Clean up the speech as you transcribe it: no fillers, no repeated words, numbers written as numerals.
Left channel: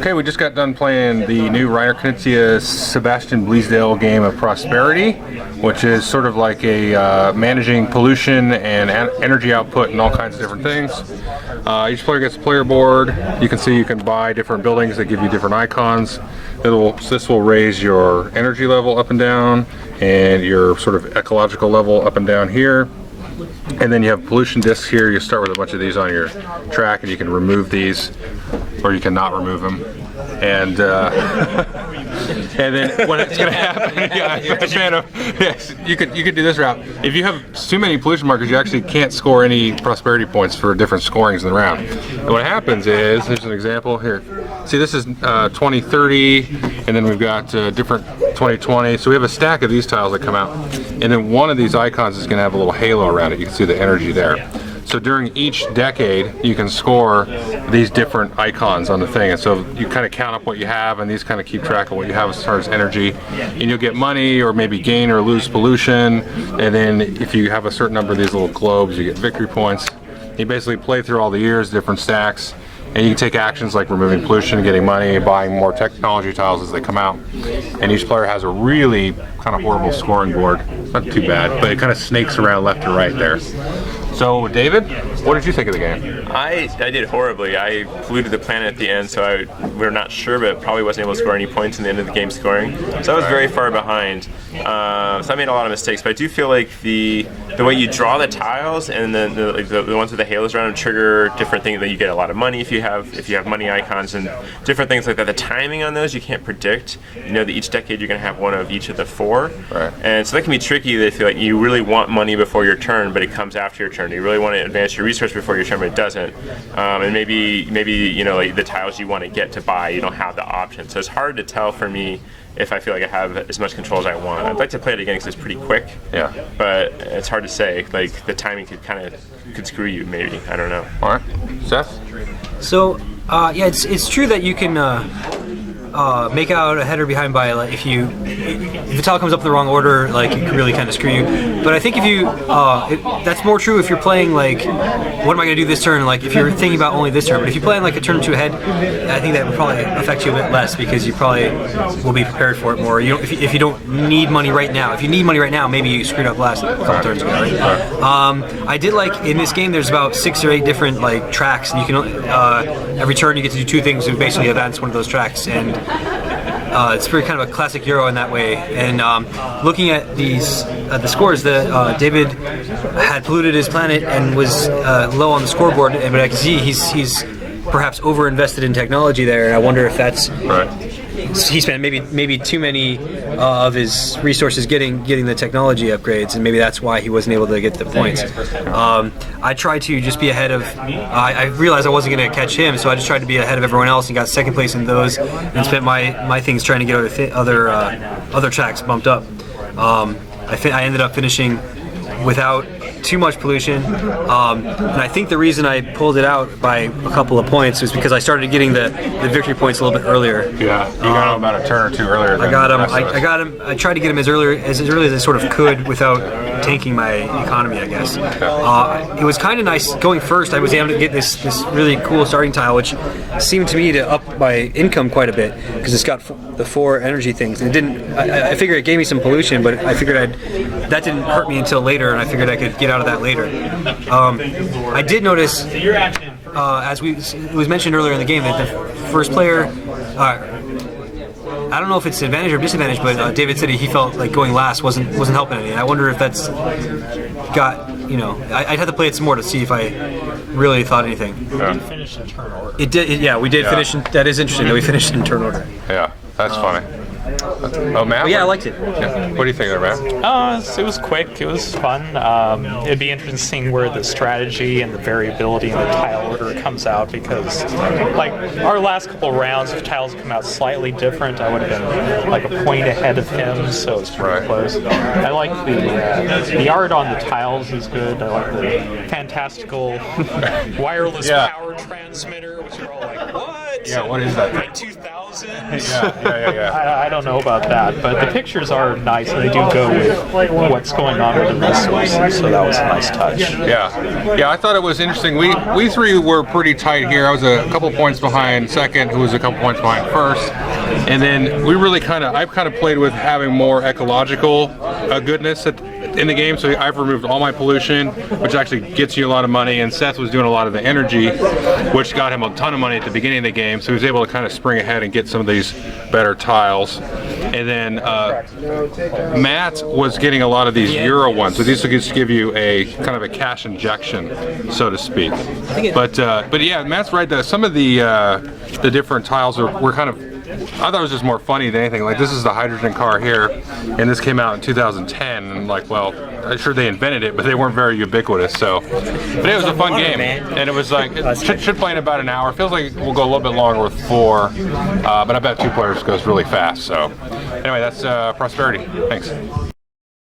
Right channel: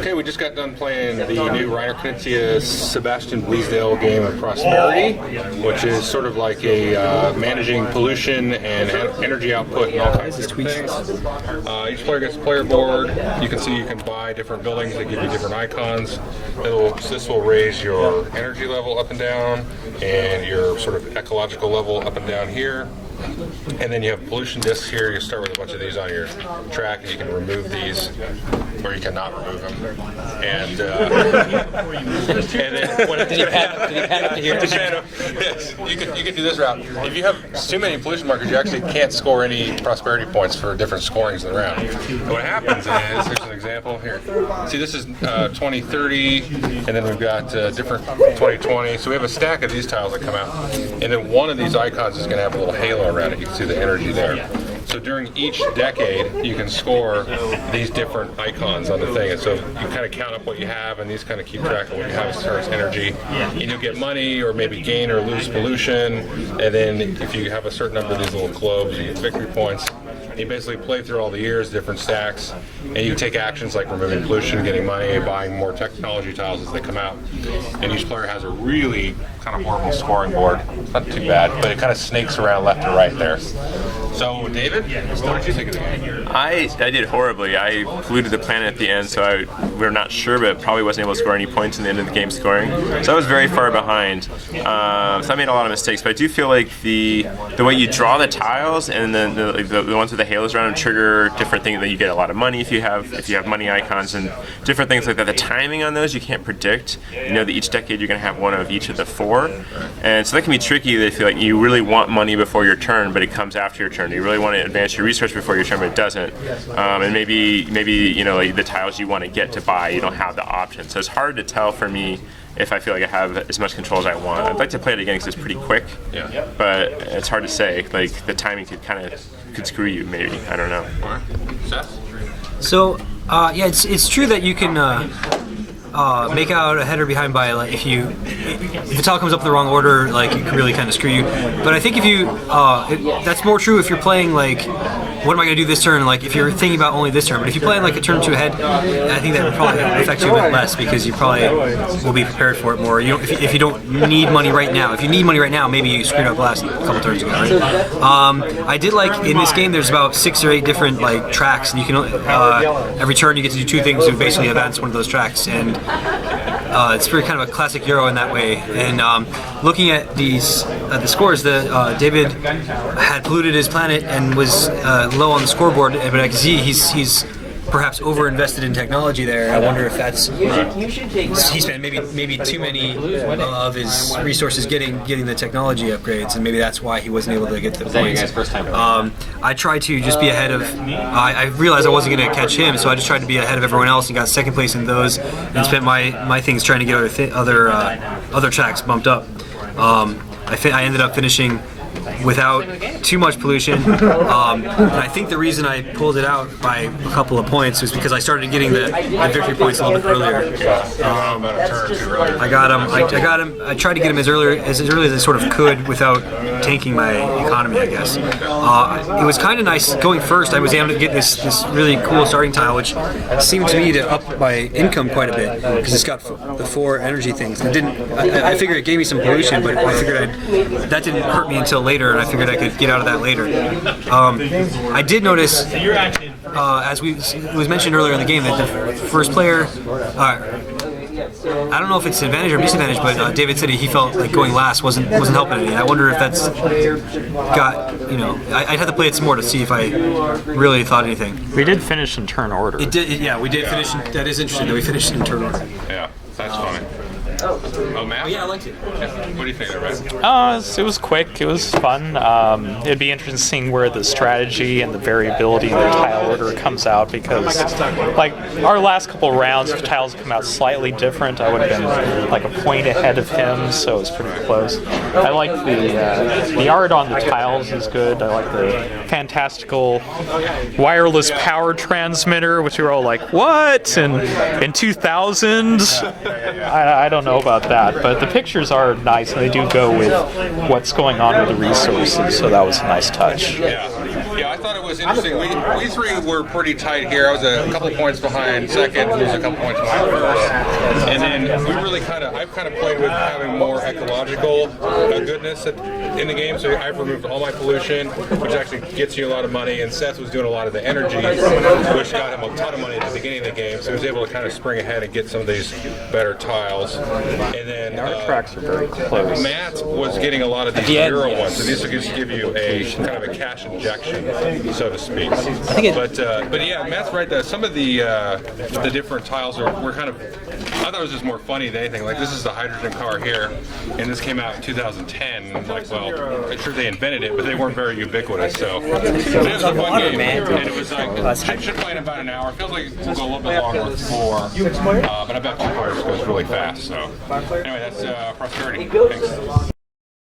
Okay, we just got done playing the new Reiner Knizia Sebastian Bleasdale game of Prosperity, which is sort of like a managing pollution and energy output and all kinds of different things. Each player gets a player board. You can see you can buy different buildings that give you different icons. This will raise your energy level up and down and your sort of ecological level up and down here. And then you have pollution discs here. You start with a bunch of these on your track, and you can remove these, or you can not remove them. And then when yes, you could do this route. If you have too many pollution markers, you actually can't score any prosperity points for different scorings in the round. And what happens is, here's an example here. See, this is 2030, and then we've got different 2020. So we have a stack of these tiles that come out, and then one of these icons is going to have a little halo around it. You can see the energy there. So during each decade, you can score these different icons on the thing, and so you kind of count up what you have, and these kind of keep track of what you have as far as energy. And you'll get money, or maybe gain or lose pollution, and then if you have a certain number of these little globes, you get victory points. You basically play through all the years, different stacks, and you can take actions like removing pollution, getting money, buying more technology tiles as they come out. And each player has a really kind of horrible scoring board. Not too bad, but it kind of snakes around left and right there. So, David, what did you think of the game? I did horribly. I polluted the planet at the end, so we're not sure, but probably wasn't able to score any points in the end of the game scoring. So I was very far behind. So I made a lot of mistakes, but I do feel like the way you draw the tiles and then the ones with the halos around them trigger different things. That you get a lot of money if you have money icons and different things like that. The timing on those you can't predict. You know that each decade you're going to have one of each of the four, right. And so that can be tricky. They feel like you really want money before your turn, but it comes after your turn. You really want to advance your research before your turn, but it doesn't. And maybe you know, like the tiles you want to get to buy, you don't have the option. So it's hard to tell for me if I feel like I have as much control as I want. I'd like to play it again because it's pretty quick. Yeah. But it's hard to say. Like the timing could screw you. Maybe, I don't know. All right, Seth. So yeah, it's true that you can make out a header behind by, like, if the tile comes up in the wrong order, like it can really kind of screw you. But I think if you that's more true if you're playing like, what am I going to do this turn? Like if you're thinking about only this turn. But if you play in like a turn or two ahead, I think that would probably affect you a bit less because you probably will be prepared for it more. If you don't need money right now. If you need money right now, maybe you screwed up last couple turns ago, right? I did like in this game. There's about 6 or 8 different like tracks, and you can every turn you get to do 2 things to basically advance one of those tracks, and it's very kind of a classic Euro in that way. And looking at these the scores, David had polluted his planet and was low on the scoreboard, but I can see he's perhaps over-invested in technology there. I wonder if that's right. He spent maybe too many of his resources getting the technology upgrades, and maybe that's why he wasn't able to get the points. I tried to just be ahead of. I realized I wasn't going to catch him, so I just tried to be ahead of everyone else and got second place in those, and spent my things trying to get other tracks bumped up. I ended up finishing without too much pollution, and I think the reason I pulled it out by a couple of points was because I started getting the victory points a little bit earlier. Yeah, you got him about a turn or two earlier. I got him. I tried to get him as early as I sort of could without tanking my economy, I guess. It was kind of nice going first. I was able to get this really cool starting tile, which seemed to me to up my income quite a bit because it's got the 4 energy things. It didn't. I figured it gave me some pollution, but I figured that didn't hurt me until later, and I figured I could get out of that later. I did notice, as it was mentioned earlier in the game, that the first player, I don't know if it's advantage or disadvantage, but David said he felt like going last wasn't helping any. I wonder if that's I'd have to play it some more to see if I really thought anything. We did finish in turn order. It did, yeah, we did finish. That is interesting that we finished in turn order. Yeah, that's funny. Oh, Matt? But yeah, I liked it. What do you think of it, Matt? It was quick. It was fun. It'd be interesting seeing where the strategy and the variability in the tile order comes out, because, like, our last couple rounds, if tiles come out slightly different, I would have been like a point ahead of him, so it was pretty close. I like the art on the tiles is good. I like the fantastical wireless power transmitter, which we were all like, what? In 2000? I don't know about that, but the pictures are nice, and they do go with what's going on with the resources, so that was a nice touch. Yeah. Yeah, I thought it was interesting. We three were pretty tight here. I was a couple points behind second, who was a couple points behind first, and then we really I've kind of played with having more ecological goodness in the game. So I've removed all my pollution, which actually gets you a lot of money. And Seth was doing a lot of the energy, which got him a ton of money at the beginning of the game. So he was able to kind of spring ahead and get some of these better tiles. And then Matt was getting a lot of these Euro ones. So these will just give you a kind of a cash injection, so to speak. But yeah, Matt's right. Some of the different tiles were kind of, I thought it was just more funny than anything. Like this is the hydrogen car here, and this came out in 2010. And I'm like, well, I'm sure they invented it, but they weren't very ubiquitous. So it was a fun game, and it was like I should play in about an hour. It feels like we'll go a little bit longer with 4, but I bet 2 players goes really fast. So anyway, that's Prosperity. Thanks.